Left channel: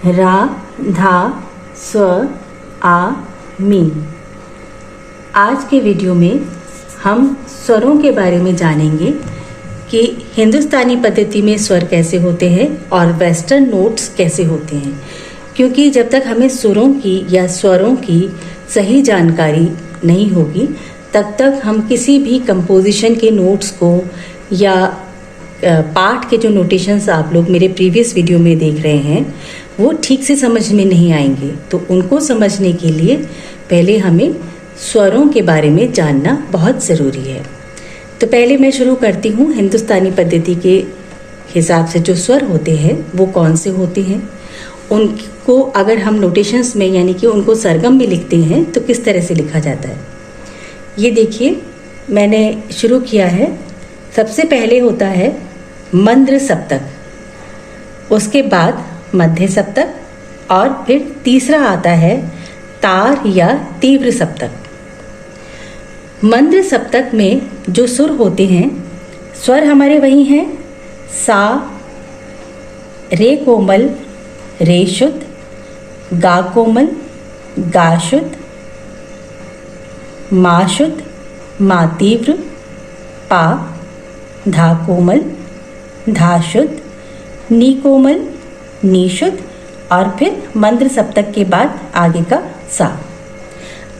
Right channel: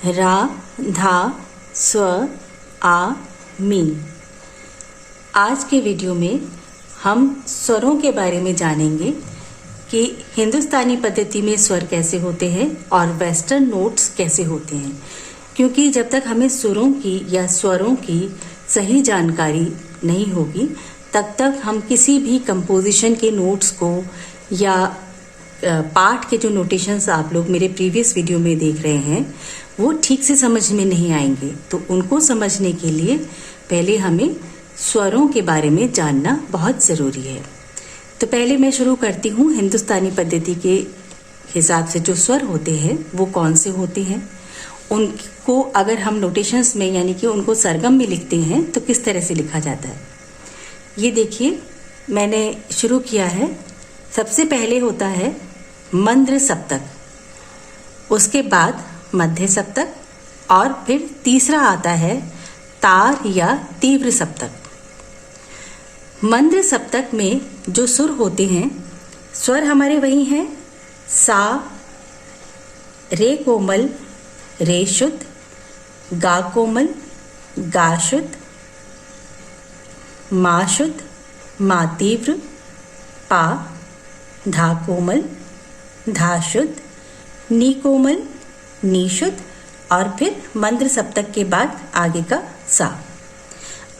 रा, धा, स्व, आ, मी। आज के वीडियो में हम स्वरों के बारे में जानेंगे कि हिंदुस्तानी पद्धति में स्वर कैसे होते हैं और वेस्टर्न नोट्स कैसे होते हैं, क्योंकि जब तक हमें सुरों की या स्वरों की सही जानकारी नहीं होगी तब तक हम किसी भी कंपोजिशन के नोट्स को या पाठ के जो नोटेशंस आप लोग मेरे प्रीवियस वीडियो में देख रहे हैं वो ठीक से समझ में नहीं आएंगे। तो उनको समझने के लिए पहले हमें स्वरों के बारे में जानना बहुत ज़रूरी है। तो पहले मैं शुरू करती हूँ हिंदुस्तानी पद्धति के हिसाब से जो स्वर होते हैं वो कौन से होते हैं, उनको अगर हम नोटेशंस में यानी कि उनको सरगम में लिखते हैं तो किस तरह से लिखा जाता है। ये देखिए मैंने शुरू किया है। सबसे पहले होता है मंद्र सप्तक, उसके बाद मध्य सप्तक और फिर तीसरा आता है तार या तीव्र सप्तक। मंद्र सप्तक में जो सुर होते हैं, स्वर हमारे वही हैं सा, रे कोमल, रे शुद्ध, गा कोमल, गा शुद्ध, मा शुद्ध, मा तीव्र, पा, धा कोमल, धा शुद्ध, नी कोमल, नी शुद्ध और फिर मंद्र सप्तक के बाद आगे का सा।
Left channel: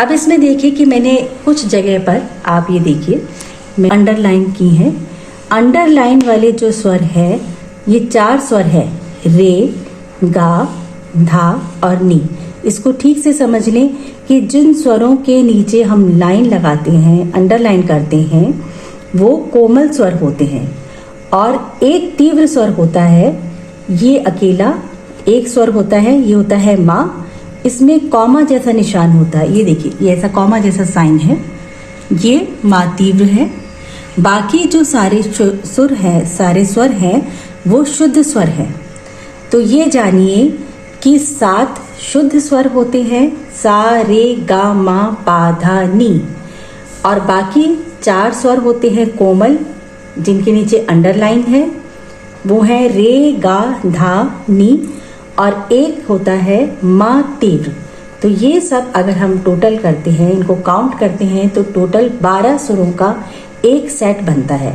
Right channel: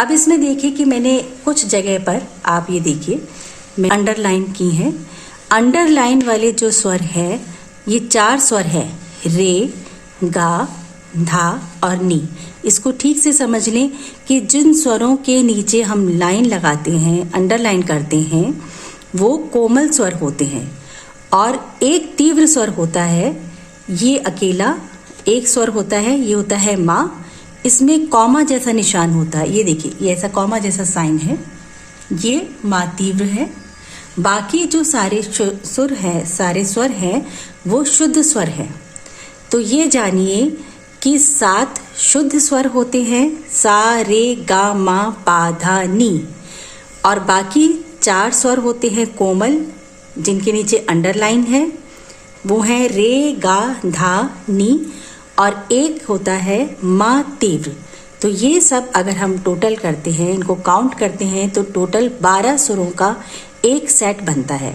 अब इसमें देखिए कि मैंने कुछ जगह पर, आप ये देखिए मैं अंडरलाइन की है। अंडरलाइन वाले जो स्वर है ये 4 स्वर है, रे, गा, धा और नी। इसको ठीक से समझ लें कि जिन स्वरों के नीचे हम लाइन लगाते हैं, अंडरलाइन करते हैं, वो कोमल स्वर होते हैं और एक तीव्र स्वर होता है, ये अकेला एक स्वर होता है, ये होता है माँ। इसमें कॉमा जैसा निशान होता है, ये देखिए ये ऐसा कॉमा जैसा साइन है, ये माँ तीव्र है। बाकी जो सारे सुर हैं, सारे स्वर हैं वो शुद्ध स्वर हैं। तो ये जानिए कि 7 शुद्ध स्वर होते हैं, सा, रे, गा, मा, पा, धा, नी और बाकी 4 स्वर होते हैं कोमल जिनके नीचे अंडरलाइन है, वो है रे, गा, धा, नी और एक होता है मा तीव्र। तो ये सब अगर हम टोटल करते हैं, इनको काउंट करते हैं तो टोटल 12 सुरों का एक सेट बनता है।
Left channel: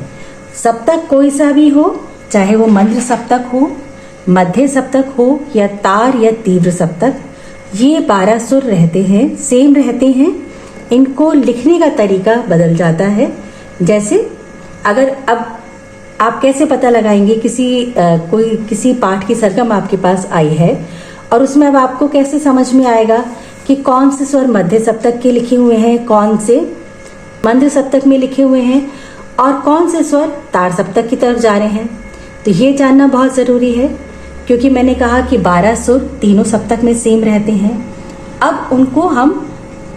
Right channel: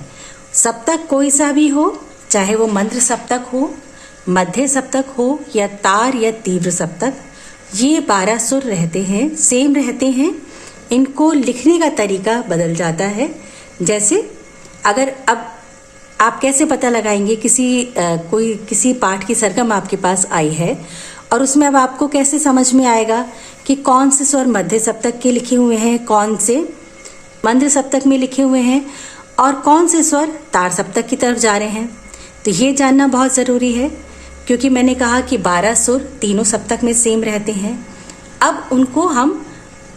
सप्तक कोई सा भी हो, चाहे वो मंद्र सप्तक हो, मध्य सप्तक हो या तार या तीव्र सप्तक, ये 12 सुर रहते हैं, सेम रहते हैं। इनको लिखने का तरीका बदल जाता है। जैसे अगर अब आप कैसे पता लगाएंगे किसी पाठ की सरगम आपके पास आई है और उसमें अब आपको कैसे समझ में आएगा कि कौन से स्वर मध्य सप्तक के लिखे हुए हैं, कौन से मंद्र सप्तक में लिखे हुए हैं और कौन से स्वर तार सप्तक की तरफ जा रहे हैं। तो ये जानना बहुत ज़रूरी है, क्योंकि मैंने कहा कि 12 सुर तीनों सप्तक में सेम रहते हैं। अब उनको हम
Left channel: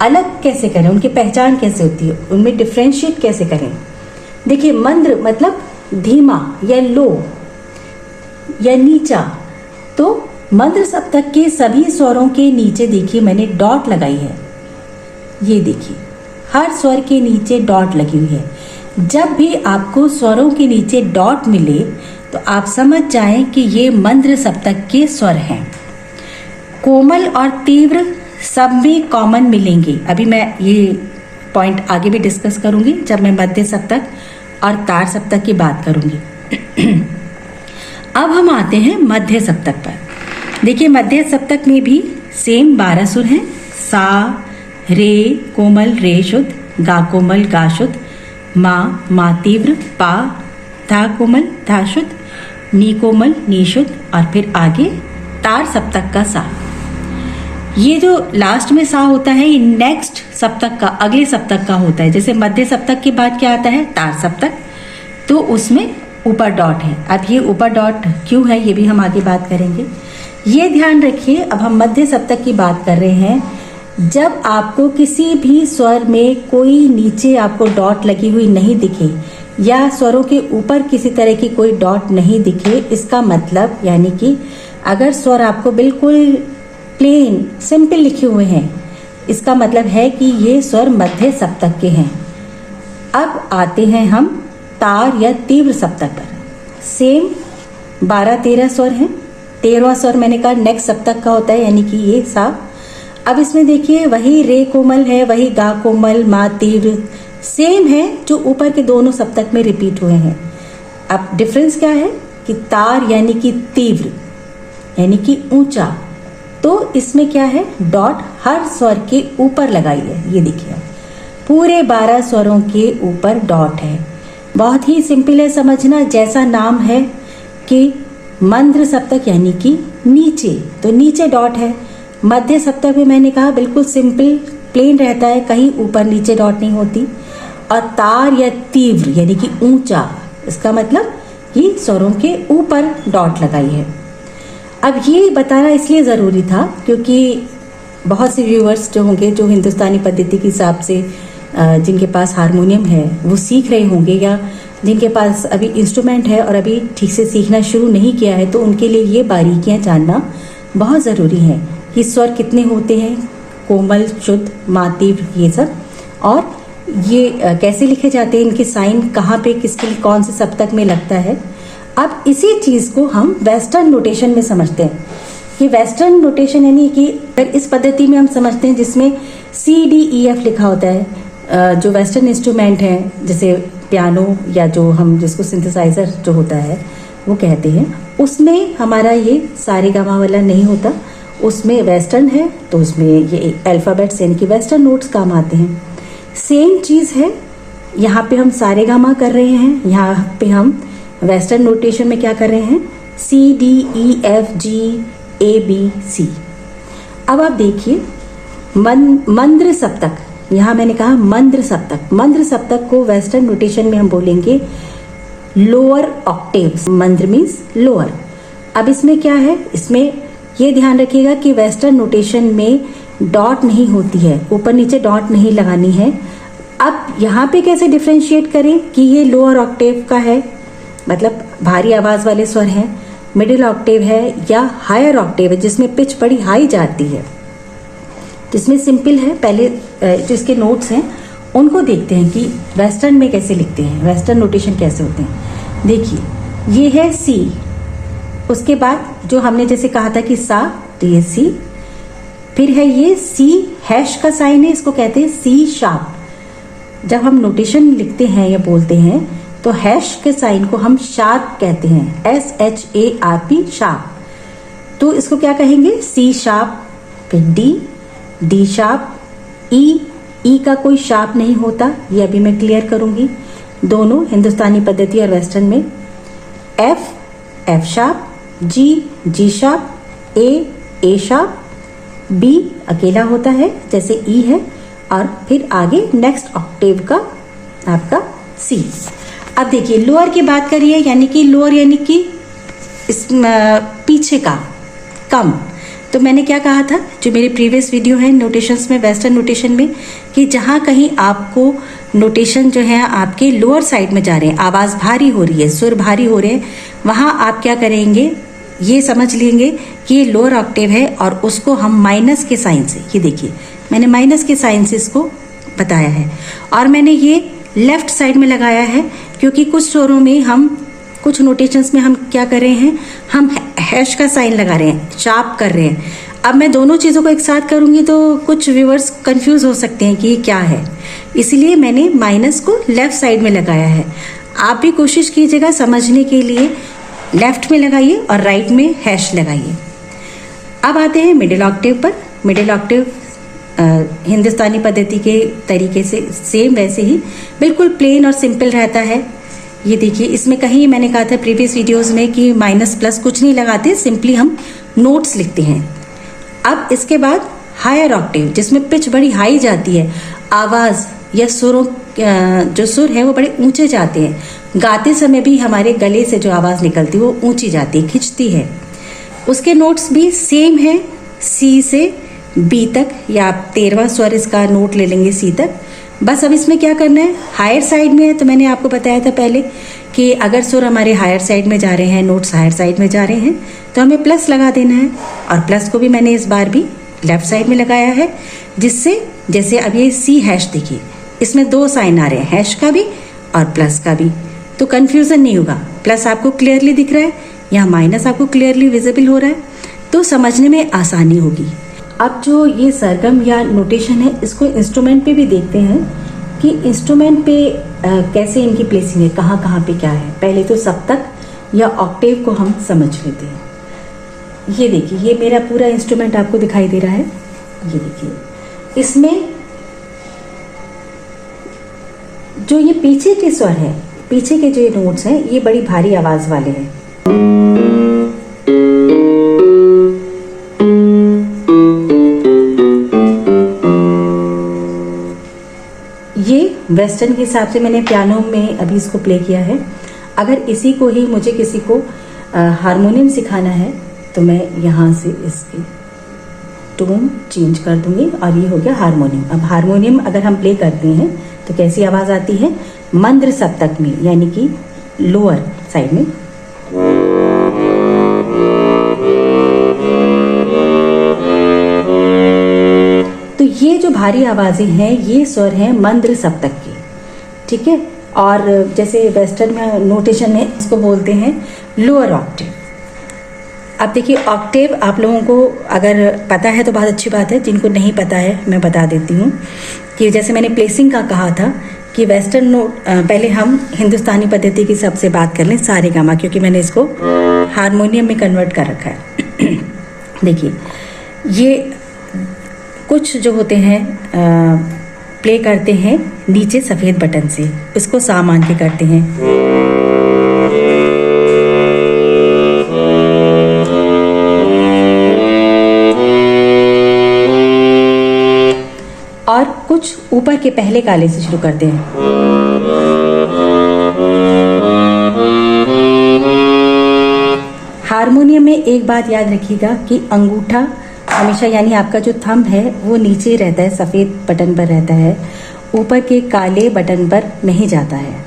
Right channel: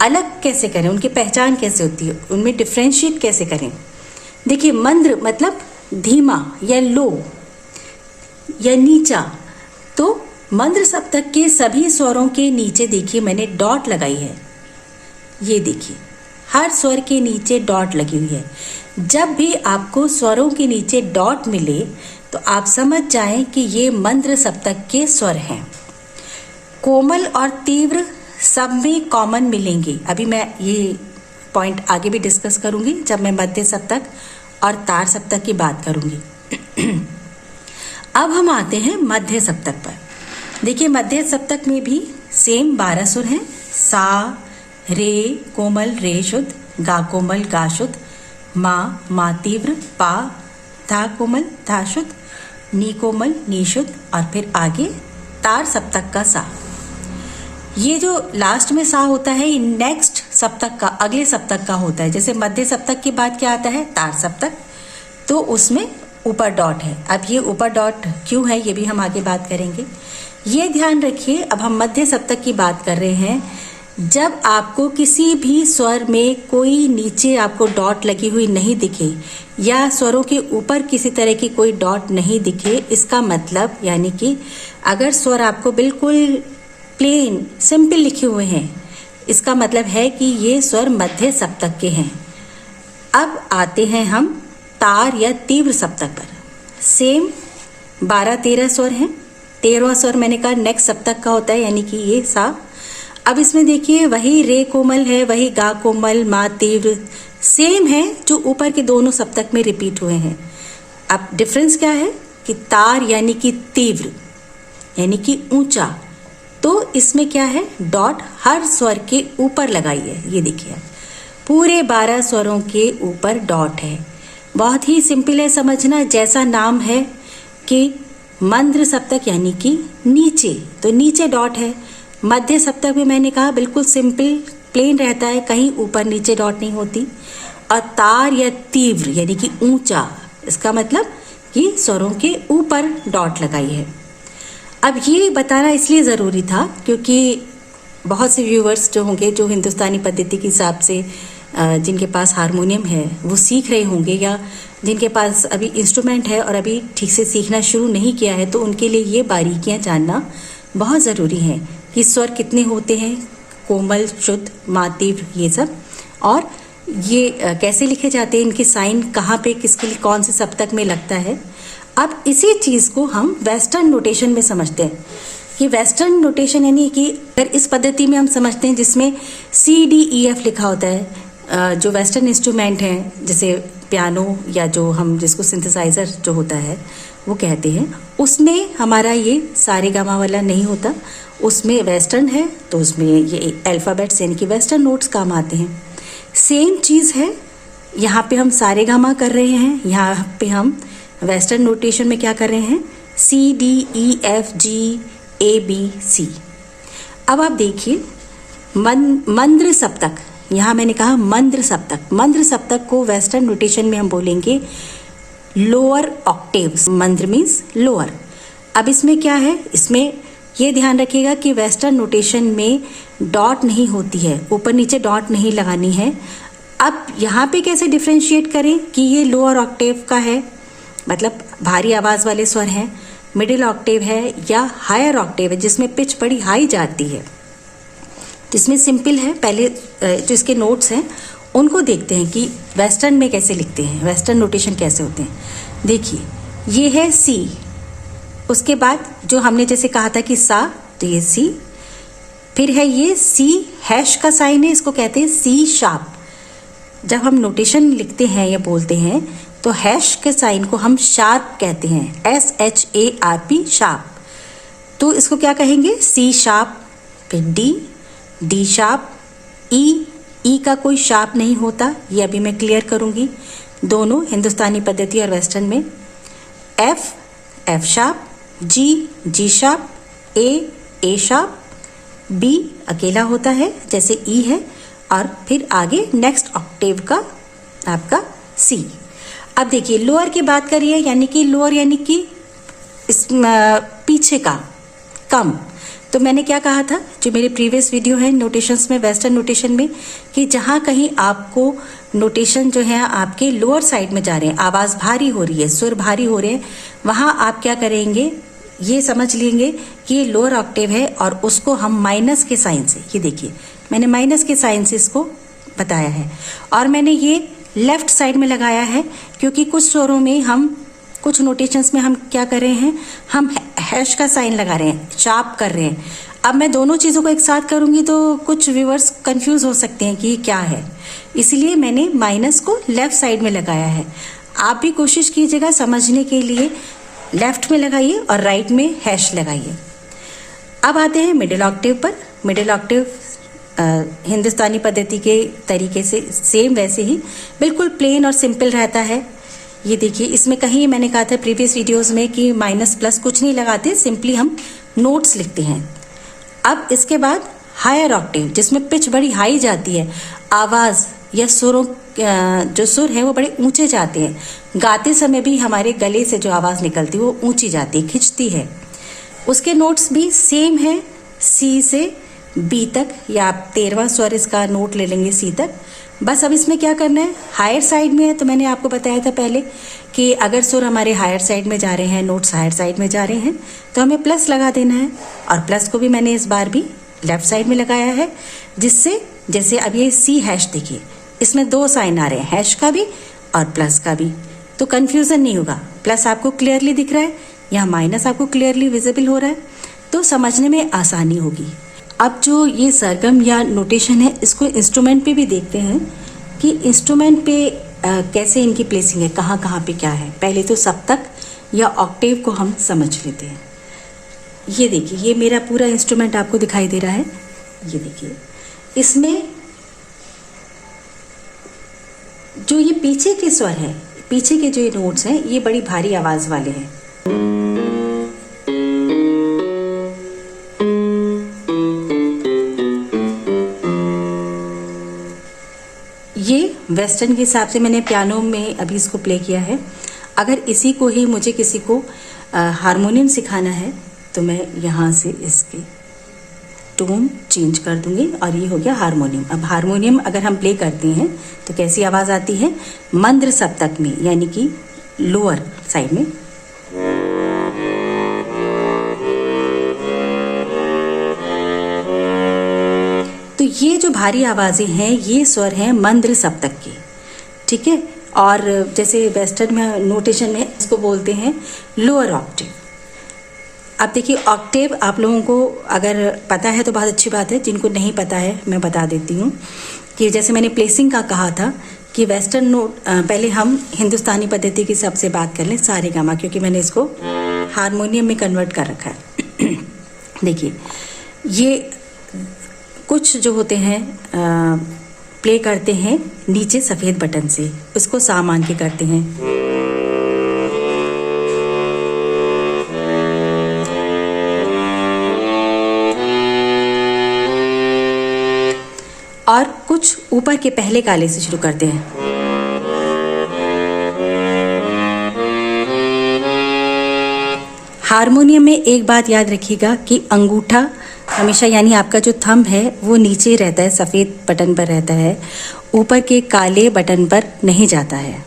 अलग कैसे करें, उनकी पहचान कैसे होती है, उनमें डिफ्रेंशिएट कैसे करें। देखिए मंद्र मतलब धीमा या लो या नीचा। तो मंद्र सप्तक के सभी स्वरों के नीचे देखिए मैंने डॉट लगाई है, ये देखिए हर स्वर के नीचे डॉट लगी हुई है। जब भी आपको स्वरों के नीचे डॉट मिले तो आप समझ जाएं कि ये मंद्र सप्तक के स्वर हैं। कोमल और तीव्र सब में कॉमन मिलेंगे। अभी मैं ये पॉइंट आगे भी डिस्कस करूंगी जब मैं मध्य सप्तक और तार सप्तक की बात करूंगी। अब हम आते हैं मध्य सप्तक पर। देखिए मध्य सप्तक में भी सेम 12 सुर हैं, सा, रे कोमल, रे शुद्ध, गा कोमल, गा शुद्ध, मा तीव्र, पा, धा कोमल, धा शुद्ध, नी कोमल, नी शुद्ध और फिर आगे तार सप्तक का सा। ये जो लास्ट में सा होता है ये नेक्स्ट सप्तक का, अगले सप्तक का होता है। जैसे मध्य सप्तक के बाद क्या आता है, तार सप्तक, तो उसमें ऊपर डॉट है। अब ये ऊपर डॉट क्यों है ये भी हम आगे बात करेंगे। ये ध्यान रखिए। अब हम मध्य सप्तक की बात कर रहे हैं। जब आपको किसी भी स्वर में कोई नीचे आपको डॉट लगी हुई नहीं दिखे या स्वरों के ऊपर किसी तरह की कोई डॉट नहीं दिखे, इसका मतलब यानी कि अगर स्वर आपको बिल्कुल प्लेन सिंपल लिखे हुए हैं, इसका मतलब है कि ये स्वर मध्य सप्तक के हैं। अब आते हैं हम तार या तीव्र सप्तक पर। सेम 12-13 स्वर हैं, 13वां स्वर मैंने कहा नेक्स्ट सप्तक का होता है, यानी कि ये सा। अब इसमें देखिए वही रे कोमल है, वही गा कोमल, मा तीव्र सेम है जो ऊपर के दोनों सप्तक में रिपीट हुए हैं। अब डिफरेंस क्या है कि तार यानी कि तीव्र यानी कि ऊंचा, तो इसमें क्या है डॉट हर स्वर के ऊपर लगाई है। ये देखिए पूरे 12 स्वरों के ऊपर डॉट है। बहुत ही सिंपल है समझना, जैसा नाम है कि मंद्र सप्तक यानी कि नीचे, तो नीचे डॉट है। मध्य सप्तक में मैंने कहा बिल्कुल सिंपल प्लेन रहता है, कहीं ऊपर नीचे डॉट नहीं होती। और तार या तीव्र यानी कि ऊंचा, इसका मतलब कि स्वरों के ऊपर डॉट लगाई है। अब ये बताना इसलिए ज़रूरी था क्योंकि बहुत से व्यूअर्स जो होंगे जो हिंदुस्तानी पद्धति के हिसाब से जिनके पास हारमोनियम है वो सीख रहे होंगे, या जिनके पास अभी इंस्ट्रूमेंट है और अभी ठीक से सीखना शुरू नहीं किया है, तो उनके लिए ये बारीकियां जानना बहुत ज़रूरी है कि स्वर कितने होते हैं, कोमल, शुद्ध, मातीव्र, ये सब, और ये कैसे लिखे जाते हैं, इनके साइन कहाँ पे किसके लिए कौन से सप्तक में लगता है। अब इसी चीज को हम वेस्टर्न नोटेशन में समझते हैं कि वेस्टर्न नोटेशन यानी कि अगर इस पद्धति में हम समझते हैं जिसमें CDEF लिखा होता है, जो वेस्टर्न इंस्ट्रूमेंट हैं जैसे पियानो या जो हम जिसको सिंथेसाइजर जो होता है वो कहते हैं, उसमें हमारा ये सारे गामा वाला नहीं होता, उसमें वेस्टर्न है तो उसमें ये अल्फाबेट्स यानी कि वेस्टर्न नोट्स काम आते हैं। सेम चीज है यहाँ पे हम सारे गामा कर रहे हैं, यहाँ पे हम वेस्टर्न नोटेशन में क्या कर रहे हैं CDEFGABC। अब आप देखिए मंद्र सप्तक, यहाँ मैंने कहा मंद्र सप्तक, मंद्र सप्तक को वेस्टर्न नोटेशन में हम बोलेंगे लोअर ऑक्टेव्स। मंद्र मीन्स लोअर। अब इसमें क्या है, इसमें ये ध्यान रखिएगा कि वेस्टर्न नोटेशन में डॉट नहीं होती है, ऊपर नीचे डॉट नहीं लगानी है। अब यहाँ पे कैसे डिफ्रेंशिएट करें कि ये लोअर ऑक्टेव का है, मतलब भारी आवाज वाले स्वर हैं, मिडिल ऑक्टेव है या हायर ऑक्टेव है जिसमें पिच बड़ी हाई जाती है। तो इसमें सिंपल है, पहले जो इसके नोट्स हैं उनको देखते हैं कि वेस्टर्न में कैसे लिखते हैं, वेस्टर्न नोटेशन कैसे होते हैं। देखिए ये है C, उसके बाद जो हमने जैसे कहा था कि सा, तो ये C, फिर है ये C हैश का साइन है, इसको कहते हैं C शार्प। जब हम नोटेशन लिखते हैं या बोलते हैं तो हैश के साइन को हम शार्प कहते हैं, SHARP शार्प। तो इसको क्या कहेंगे C शार्प, फिर D शार्प, E का कोई शार्प नहीं होता, ये अभी मैं क्लियर करूंगी, दोनों हिंदुस्तानी पद्धति और वेस्टर्न में। F sharp, G sharp, A sharp, B अकेला होता है जैसे E है, और फिर आगे नेक्स्ट ऑक्टेव का आपका C। अब देखिए लोअर की बात करिए, यानी कि लोअर यानी कि इस पीछे का, कम। तो मैंने क्या कहा था, जो मेरे प्रीवियस वीडियो है नोटेशंस में, वेस्टर्न नोटेशन में, कि जहां कहीं आपको नोटेशन जो है आपके लोअर साइड में जा रहे हैं, आवाज भारी हो रही है, सुर भारी हो रहे हैं, वहां आप क्या करेंगे, ये समझ लेंगे कि ये लोअर ऑक्टेव है और उसको हम माइनस के साइन से, ये देखिए मैंने माइनस के साइन से इसको बताया है, और मैंने ये लेफ्ट साइड में लगाया है क्योंकि कुछ स्वरों में हम, कुछ नोटेशंस में हम क्या कर रहे हैं, हम हैश का साइन लगा रहे हैं, शार्प कर रहे हैं। अब मैं दोनों चीजों को एक साथ करूंगी तो कुछ व्यूअर्स कंफ्यूज हो सकते हैं कि ये क्या है, इसलिए मैंने माइनस को लेफ्ट साइड में लगाया है। आप भी कोशिश कीजिएगा समझने के लिए, लेफ्ट में लगाइए और राइट में हैश लगाइए। अब आते हैं मिडिल ऑक्टेव पर। मिडिल ऑक्टेव हिंदुस्तानी पद्धति के तरीके से सेम वैसे ही बिल्कुल प्लेन और सिंपल रहता है। ये देखिए इसमें कहीं मैंने कहा था प्रीवियस वीडियोस में कि माइनस प्लस कुछ नहीं लगाते, सिंपली हम नोट्स लिखते हैं। अब इसके बाद हायर ऑक्टेव जिसमें पिच बड़ी हाई जाती है, आवाज या सुरों जो सुर है वो बड़े ऊंचे जाते हैं, गाते समय भी हमारे गले से जो आवाज निकलती है वो ऊंची जाती है, खिंचती है। उसके नोट्स भी सेम है, सी से बी तक, या आप 13वां स्वर इसका नोट ले लेंगे सी तक। बस अब इसमें क्या करना है, हायर साइड में है तो मैंने आपको बताया था पहले कि अगर सुर हमारे हायर साइड में जा रहे हैं, नोट्स हायर साइड में जा रहे हैं, तो हमें प्लस लगा देना है, और प्लस को भी मैंने इस बार भी लेफ्ट साइड में लगाया है, जिससे जैसे अब ये सी हैश देखिए इसमें दो साइन आ रहे हैं, हैश का भी और प्लस का भी, तो कंफ्यूजन नहीं होगा। प्लस आपको क्लियरली दिख रहा है, यहाँ माइनस आपको क्लियरली विजिबल हो रहा है, तो समझने में आसानी होगी। अब जो ये सरगम या नोटेशन है, इसको इंस्ट्रूमेंट पे भी देखते हैं कि इंस्ट्रूमेंट पे कैसे इनकी प्लेसिंग है, कहाँ कहाँ पे क्या है। पहले तो सप्तक या ऑक्टेव को हम समझ लेते हैं। ये देखिए, ये मेरा पूरा इंस्ट्रूमेंट आपको दिखाई दे रहा है। ये देखिए, इसमें जो ये पीछे के स्वर है, पीछे के जो ये नोट्स हैं, ये बड़ी भारी आवाज वाले हैं। ये वेस्टर्न के हिसाब से मैंने पियानो में अभी इसको प्ले किया है। अगर इसी को ही मुझे किसी को हारमोनियम सिखाना है तो मैं यहाँ से इसके टोन चेंज कर दूंगी और ये हो गया हारमोनियम। अब हारमोनियम अगर हम प्ले करते हैं तो कैसी आवाज आती है, मंद्र सप्तक में, यानी कि लोअर साइड में। तो ये जो भारी आवाजें हैं, ये स्वर हैं मंद्र सप्तक के, ठीक है। और जैसे वेस्टर्न में नोटेशन में इसको बोलते हैं लोअर ऑक्टेव। अब देखिए, ऑक्टेव आप लोगों को अगर पता है तो बहुत अच्छी बात है, जिनको नहीं पता है मैं बता देती हूँ कि जैसे मैंने प्लेसिंग का कहा था कि वेस्टर्न नोट, पहले हम हिंदुस्तानी पद्धति की सबसे बात कर लें, सारे गामा, क्योंकि मैंने इसको हारमोनियम में कन्वर्ट कर रखा है। देखिए, ये कुछ जो होते हैं प्ले करते हैं नीचे सफेद बटन से, इसको सा मान के करते हैं। और कुछ ऊपर के पहले काले से शुरू करते हैं। हारमोनियम में एक बात याद रखिएगा कि अंगूठा हमेशा, यानी आपका जो थंब है वो नीचे रहता है, सफ़ेद बटन पर रहता है, ऊपर के काले बटन पर नहीं जाता है।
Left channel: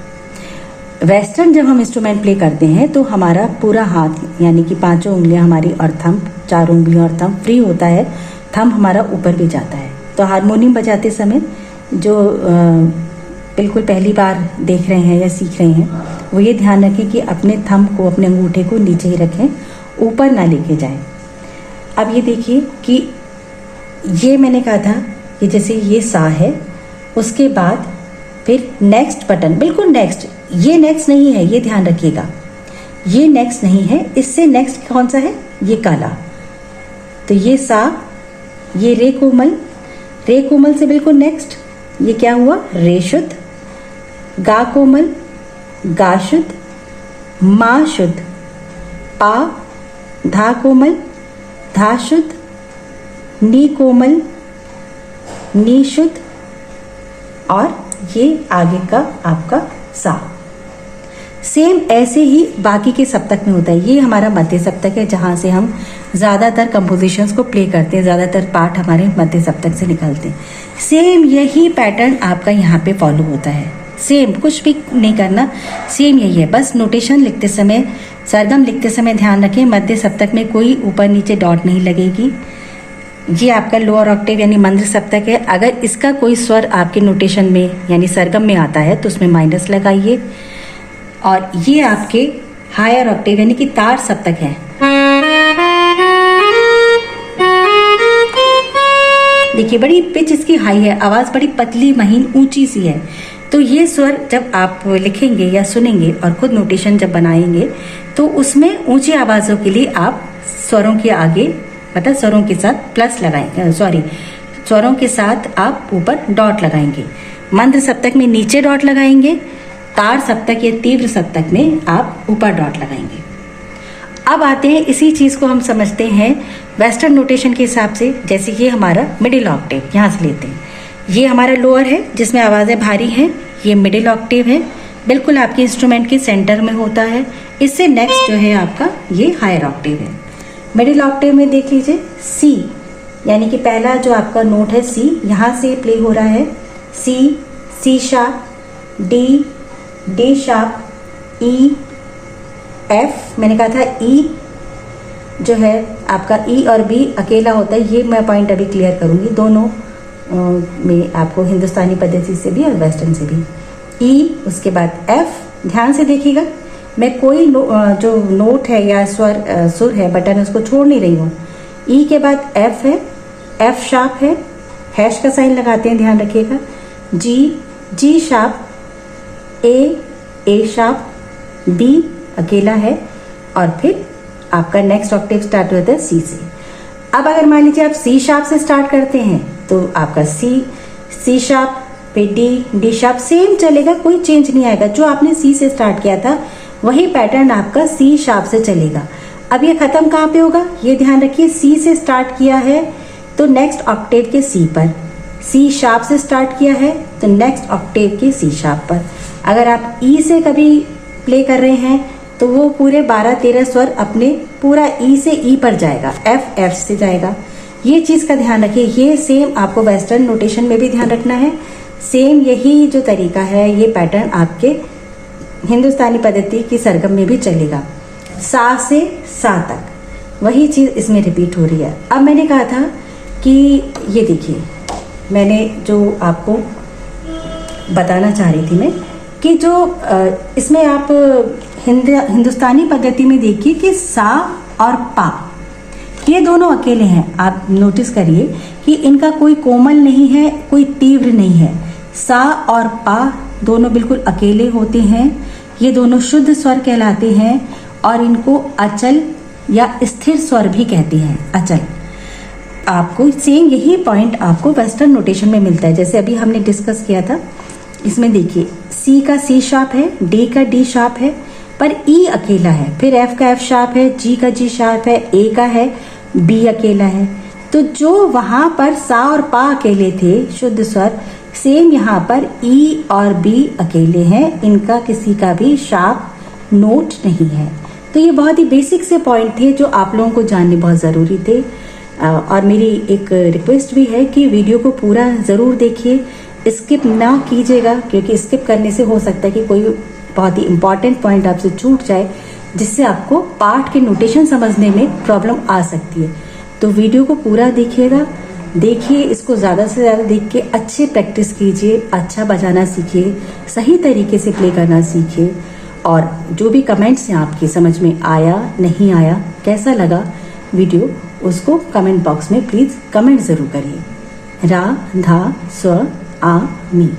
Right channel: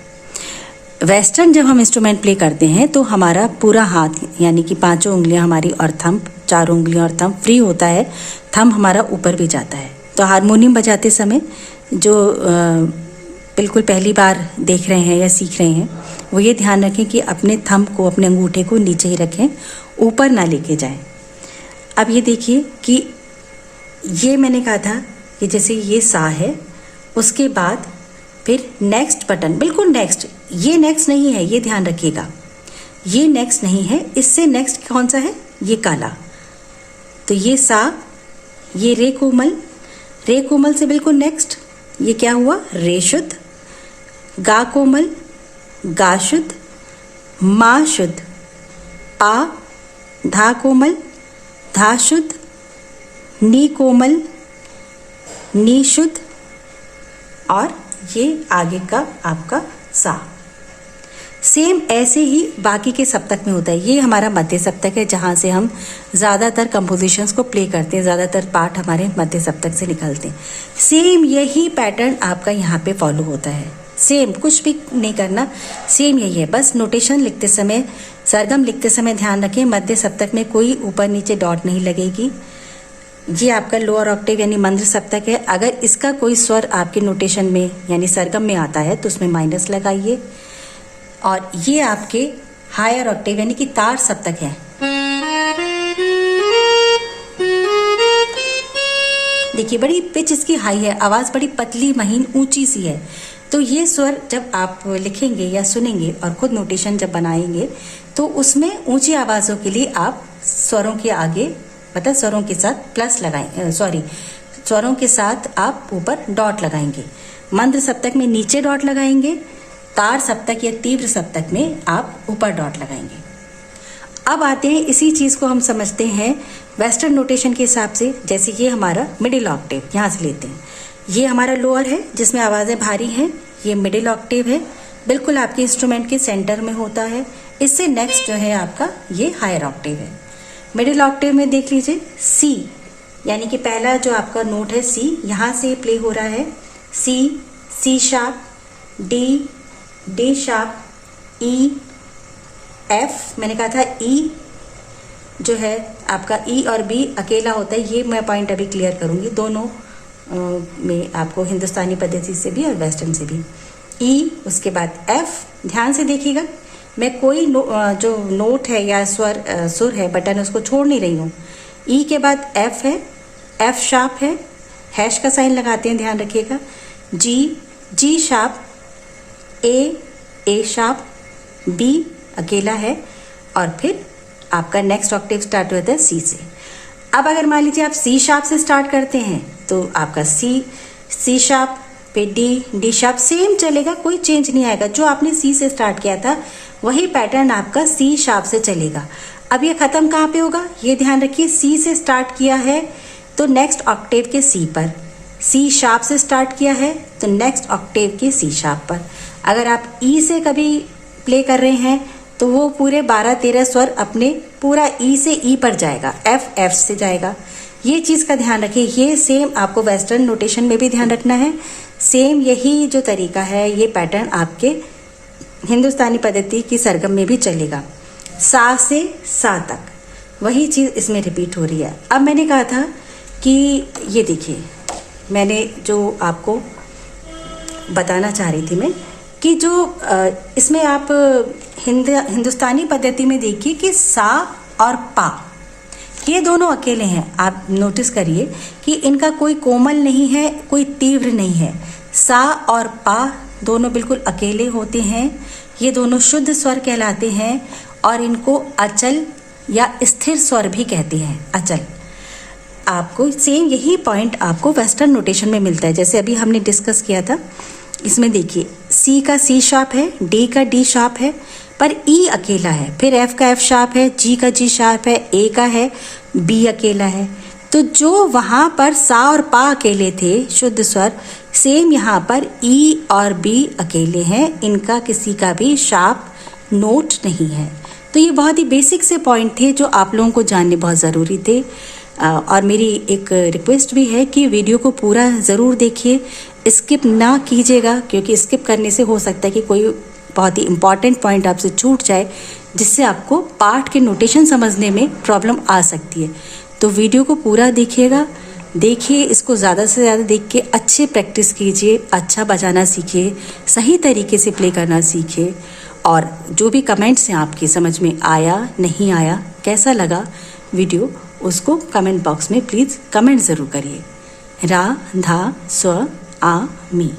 वेस्टर्न जब हम इंस्ट्रूमेंट प्ले करते हैं तो हमारा पूरा हाथ, यानी कि 5 उंगलियां हमारी और थंब, 4 उंगलियां और थंब फ्री होता है, थंब हमारा ऊपर भी जाता है। तो हारमोनियम बजाते समय जो बिल्कुल पहली बार देख रहे हैं या सीख रहे हैं, वो ये ध्यान रखें कि अपने थंब को, अपने अंगूठे को नीचे ही रखें, ऊपर ना लेके जाएं। अब ये देखिए कि ये मैंने कहा था कि जैसे ये सा है, उसके बाद फिर नेक्स्ट बटन, बिल्कुल नेक्स्ट, ये नेक्स्ट नहीं है, ये ध्यान रखिएगा, ये नेक्स्ट नहीं है। इससे नेक्स्ट कौन सा है, ये काला। तो ये सा, ये रे कोमल, रे कोमल से बिल्कुल नेक्स्ट ये क्या हुआ, रे शुद्ध, गा कोमल, गा शुद्ध, मा शुद्ध, पा, धा कोमल, धा शुद्ध, नी कोमल, नी शुद्ध, और ये आगे का आपका सा। सेम ऐसे ही बाकी के सप्तक में होता है। ये हमारा मध्य सप्तक है, जहाँ से हम ज़्यादातर कंपोजिशंस को प्ले करते हैं, ज़्यादातर पार्ट हमारे मध्य सप्तक से निकलते हैं। सेम यही पैटर्न आपका यहाँ पे फॉलो होता है, सेम, कुछ भी नहीं करना, सेम यही है। बस नोटेशन लिखते समय, सरगम लिखते समय ध्यान रखें, मध्य सप्तक में कोई ऊपर नीचे डॉट नहीं लगेगी। ये आपका लोअर ऑक्टेव यानी मंद्र सप्तक है। अगर इसका कोई स्वर आपके नोटेशन में यानी सरगम में आता है तो उसमें माइनस लगाइए। और ये आपके हायर ऑक्टेव यानी कि तार सप्तक है। देखिए, बड़ी पिच इसकी हाई है, आवाज बड़ी पतली महीन ऊंची सी है। तो ये स्वर जब आप लिखेंगे या सुनेंगे और खुद नोटेशन जब बनाएंगे तो उसमें ऊंची आवाजों के लिए आप स्वरों के आगे, मतलब स्वरों के साथ प्लस लगाएंगे, स्वरों के साथ आप ऊपर डॉट लगाएंगे। मंद्र सप्तक में नीचे डॉट लगाएंगे, तार सप्तक या तीव्र सप्तक में आप ऊपर डॉट लगाएंगे। अब आते हैं, इसी चीज को हम समझते हैं वेस्टर्न नोटेशन के हिसाब से। जैसे ये हमारा मिडिल ऑक्टेव, यहाँ से लेते हैं, ये हमारा लोअर है जिसमें आवाजें भारी हैं, ये मिडिल ऑक्टेव है, बिल्कुल आपके इंस्ट्रूमेंट के सेंटर में होता है। इससे नेक्स्ट जो है आपका ये हायर ऑक्टेव है। मिडिल ऑक्टेव में देख लीजिए, सी, यानी कि पहला जो आपका नोट है सी, यहाँ से प्ले हो रहा है C, C sharp, D, D sharp, E, F, मैंने कहा था ई जो है आपका ई और बी अकेला होता है, ये मैं पॉइंट अभी क्लियर करूंगी, दोनों में आपको हिंदुस्तानी पद्धति से भी और वेस्टर्न से भी। ई, उसके बाद एफ, ध्यान से देखिएगा, मैं कोई जो नोट है या सुर है बटन उसको छोड़ नहीं रही हूँ। ई के बाद एफ है, एफ शार्प है, हैश का साइन लगाते हैं, ध्यान रखिएगा। जी, जी शार्प, ए शार्प, बी अकेला है, और फिर आपका नेक्स्ट ऑक्टेव स्टार्ट होता है सी से। अब अगर मान लीजिए आप सी शार्प से स्टार्ट करते हैं तो आपका सी शार्प पे डी शार्प सेम चलेगा, कोई चेंज नहीं आएगा। जो आपने सी से स्टार्ट किया था वही पैटर्न आपका सी शार्प से चलेगा। अब ये खत्म कहाँ पे होगा, ये ध्यान रखिए। सी से स्टार्ट किया है तो नेक्स्ट ऑक्टेव के सी पर, सी शार्प से स्टार्ट किया है तो नेक्स्ट ऑक्टेव के सी शार्प पर। अगर आप ई से कभी प्ले कर रहे हैं तो वो पूरे 12-13 स्वर अपने पूरा ई से ई पर जाएगा, एफ से जाएगा। ये चीज का ध्यान रखिए। ये सेम आपको वेस्टर्न नोटेशन में भी ध्यान रखना है। सेम यही जो तरीका है, ये पैटर्न आपके हिंदुस्तानी पद्धति की सरगम में भी चलेगा। सा से सा तक वही चीज इसमें रिपीट हो रही है। अब मैंने कहा था कि ये देखिए, मैंने जो आपको बताना चाह रही थी मैं कि जो इसमें आप हिंदुस्तानी पद्धति में देखिए कि सा और पा ये दोनों अकेले हैं। आप नोटिस करिए कि इनका कोई कोमल नहीं है, कोई तीव्र नहीं है। सा और पा दोनों बिल्कुल अकेले होते हैं। ये दोनों शुद्ध स्वर कहलाते हैं और इनको अचल या स्थिर स्वर भी कहते हैं। अचल आपको सेम यही पॉइंट आपको वेस्टर्न नोटेशन में मिलता है, जैसे अभी हमने डिस्कस किया था। इसमें देखिए सी का सी शार्प है, डी का डी शार्प है, पर ई अकेला है। फिर एफ का एफ शार्प है, जी का जी शार्प है, ए का है, बी अकेला है। तो जो वहां पर सा और पा अकेले थे शुद्ध स्वर, सेम यहाँ पर ई और बी अकेले हैं। इनका किसी का भी शार्प नोट नहीं है। तो ये बहुत ही बेसिक से पॉइंट थे जो आप लोगों को जानने बहुत ज़रूरी थे। और मेरी एक रिक्वेस्ट भी है कि वीडियो को पूरा ज़रूर देखिए, स्किप ना कीजिएगा, क्योंकि स्किप करने से हो सकता है कि कोई बहुत ही इम्पॉर्टेंट पॉइंट आपसे छूट जाए, जिससे आपको पाठ के नोटेशन समझने में प्रॉब्लम आ सकती है। तो वीडियो को पूरा देखिएगा, देखिए, इसको ज़्यादा से ज़्यादा देख के अच्छे प्रैक्टिस कीजिए, अच्छा बजाना सीखिए, सही तरीके से प्ले करना सीखिए। और जो भी कमेंट्स हैं आपके समझ में आया नहीं आया, कैसा लगा वीडियो, उसको कमेंट बॉक्स में प्लीज़ कमेंट ज़रूर करिए। रा धा स्व आ मी।